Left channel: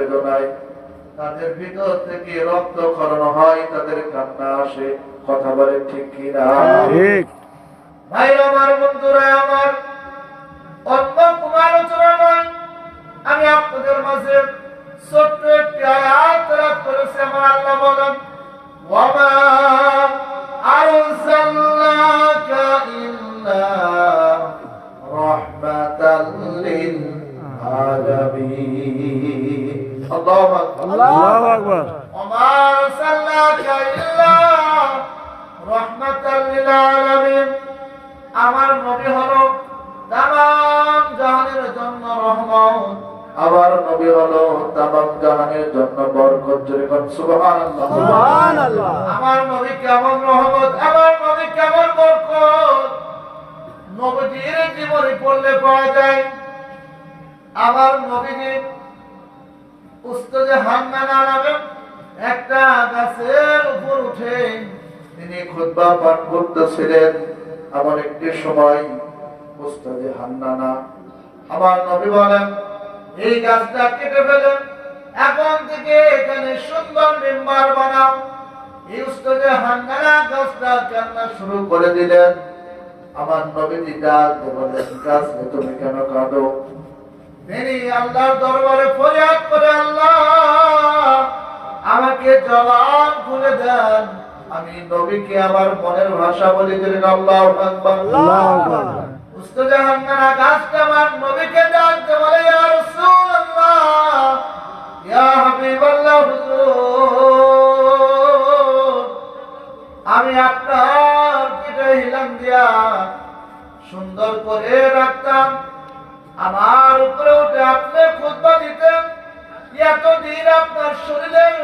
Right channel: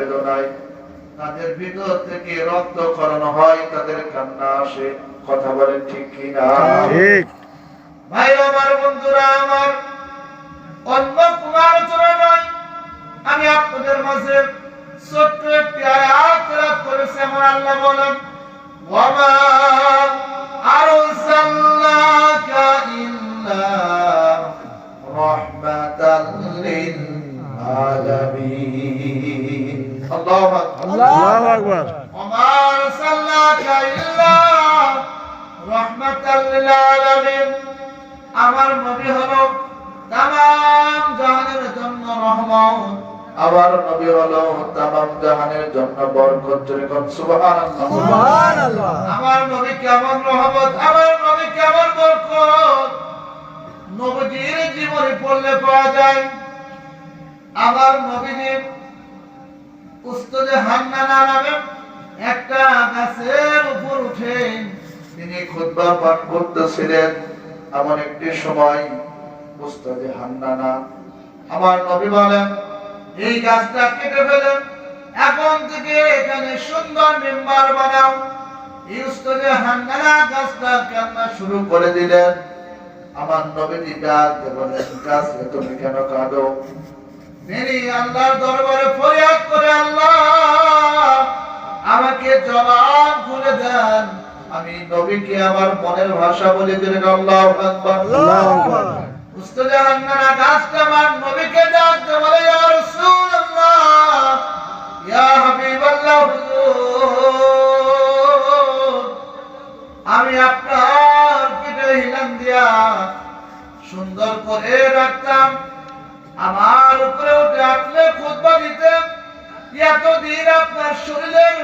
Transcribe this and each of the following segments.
বেদনায় তাদের ভিতর থেকে রক্তক্ষরণ হয়, তাদের কান্না আসে। কথা বলেন ঠিক কিনা? ঠিক। ভাই আমার, বন্ধুরা আমার, অন্য কোনো আলোচনা নয়, আমি আপনাদের মাঝে ছোট্ট একটি আয়াত তেলাওয়াত করেছি। আমার আল্লাহ বলেন, ওয়ামা আরসালনাকা ইল্লা রাহমাতাল লিল আলামিন। আল্লাহু আকবার, আল্লাহু আকবার। ওয়ামা আরসালনাকা ইল্লা রাহমাতাল লিল আলামিন। আমার নবী হলো তামাম জাহানের জন্য রহমত, আমার নবী হলো তামাম জাহানের জন্য বরকত। যেরকম সুবহানাল্লাহ, সুবহানাল্লাহ। আমার নবী কেমন রহমত, আমার নবী কেমন বরকত, নবীর জীবনে পড়লে পাওয়া যায়। আমার নবীজি উস্তাদে হান্নানা নামে একটা গাছের উপর উঠে তিনি খুতবা পাঠ করতেছিলেন। এমন একটি সময় উস্তাদে হান্নানা আমার নবী বলেন, এই গাছটা কেটে ফেলেন, এখন থেকে এখানে সুন্দর মিম্বার বানাও। এই উস্তাদে হান্নানা গাছটা কান্না শুরু করে দিলেন। আমার নবীজি ডাক দিয়ে বলেন, গাছ তুমি কেন কাঁদো? তিনি আল্লাহর দরবারে ফরিয়াদ করে, আল্লাহ আমাকে জবান খুলে দেন, আমি নবীকে আমার মনের ভাষা বলে দিলেন। আল্লাহু আকবার, আল্লাহু আকবার। উস্তাদে হান্নানা গাছটা আমার নবীকে ডাক দিয়ে বলে, ইয়া রাসূলুল্লাহ, ইয়া হাবিবাল্লাহ, হুজুর, আমি আপনার পিঠে হিলান দিয়া সুন্দর করে রাখতাম, আমার উপরে উঠে আপনি খুতবা দিতেন, এতদিন আপনার শরীরের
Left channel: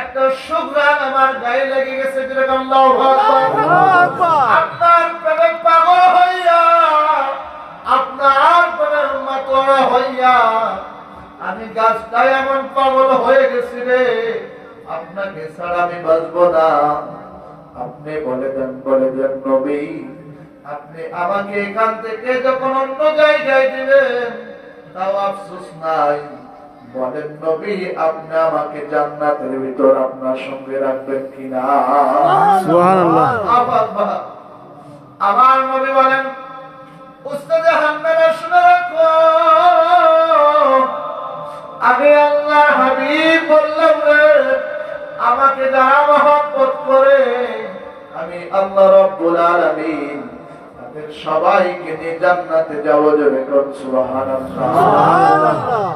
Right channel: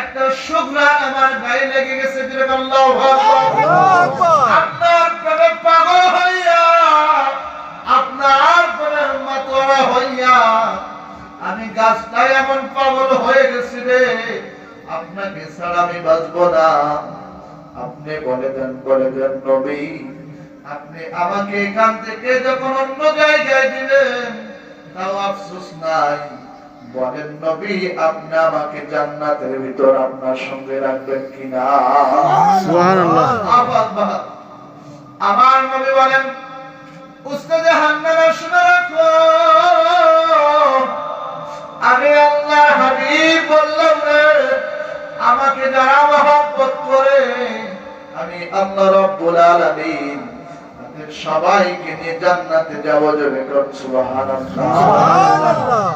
একটা সুঘ্রাণ আমার গায়ে লেগে গেছে। আল্লাহু আকবার। আপনার প্রেমে পাগল হইয়া, আপনার প্রেমের মাতোয়ারা হইয়া আমি গাছটাই এমন পাগল হয়ে গেছি রে, আপনাকে ছাড়া আমি বাঁচবো না। আপনি বলে দেন নবী, আপনি আমাকে এখান থেকে যখন অন্য জায়গায় দিবেন তাও আফসোস নাই। বলেন নবী, আপনি আমাকে জান্নাতের ভিতর আপনার সঙ্গে রাখবেন কিনা? সুবহানাল্লাহ। আমার নবী বলেন, উস্তাদে হান্নানা শুনে রাখো, আমি আল্লাহর হাবিব বললাম রে, আমাকে যারা মহব্বত করে আমি আল্লাহ রাব্বুল আলামিন তাদের সবাইকে নিয়ে জান্নাতে যাব। যাবে সুবহানাল্লাহ, সুবহানাল্লাহ।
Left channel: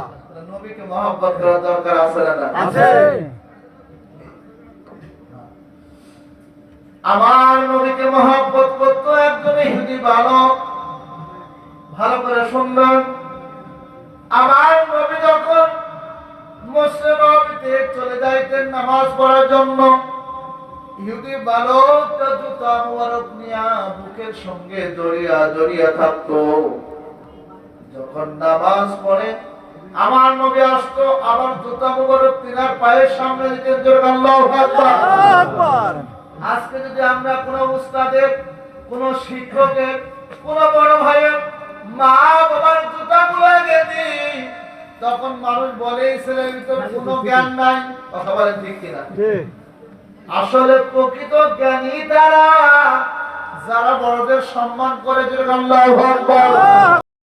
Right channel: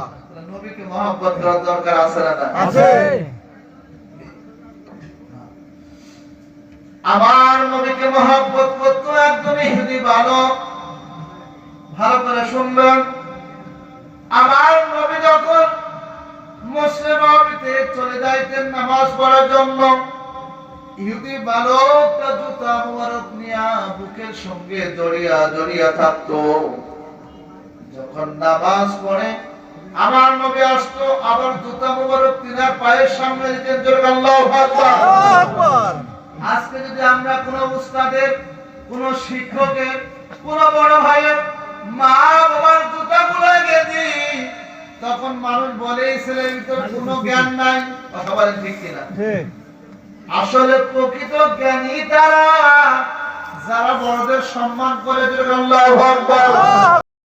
নবীকে মহব্বত করার দরকার আছে না? আছে। আমার নবীকে মহব্বত করতো একজন ইহুদি বালক। ভালো করে শুনবেন, আমার নবী যখন মসজিদে নববীতে চলে যাইতেন নামাজ পড়ার জন্য, ইহুদি বালকটা জুতা মোবারক নিয়া বুকের সঙ্গে জড়িয়া জড়িয়া থাকতো। যখন নামাজ পড়ে আমার নবী আসতো, আবার জুতা মোবারক তিনার পায়ের সামনে দিতেন। আল্লাহু আকবার। আজকে যদি আমরা কোন উস্তাদের, কোন শিক্ষকের, কোন বড় ভাইয়ের মা বাবার জুতা গুলাকে দিই, তখন মানুষ বলে এই ছেলের ভিতর কোনো জ্ঞান নাই। কথা বলেন ঠিক কিনা? আসলে প্রকৃত জ্ঞানী তারা যারা বড়দের সম্মান করে। আল্লাহু আকবার।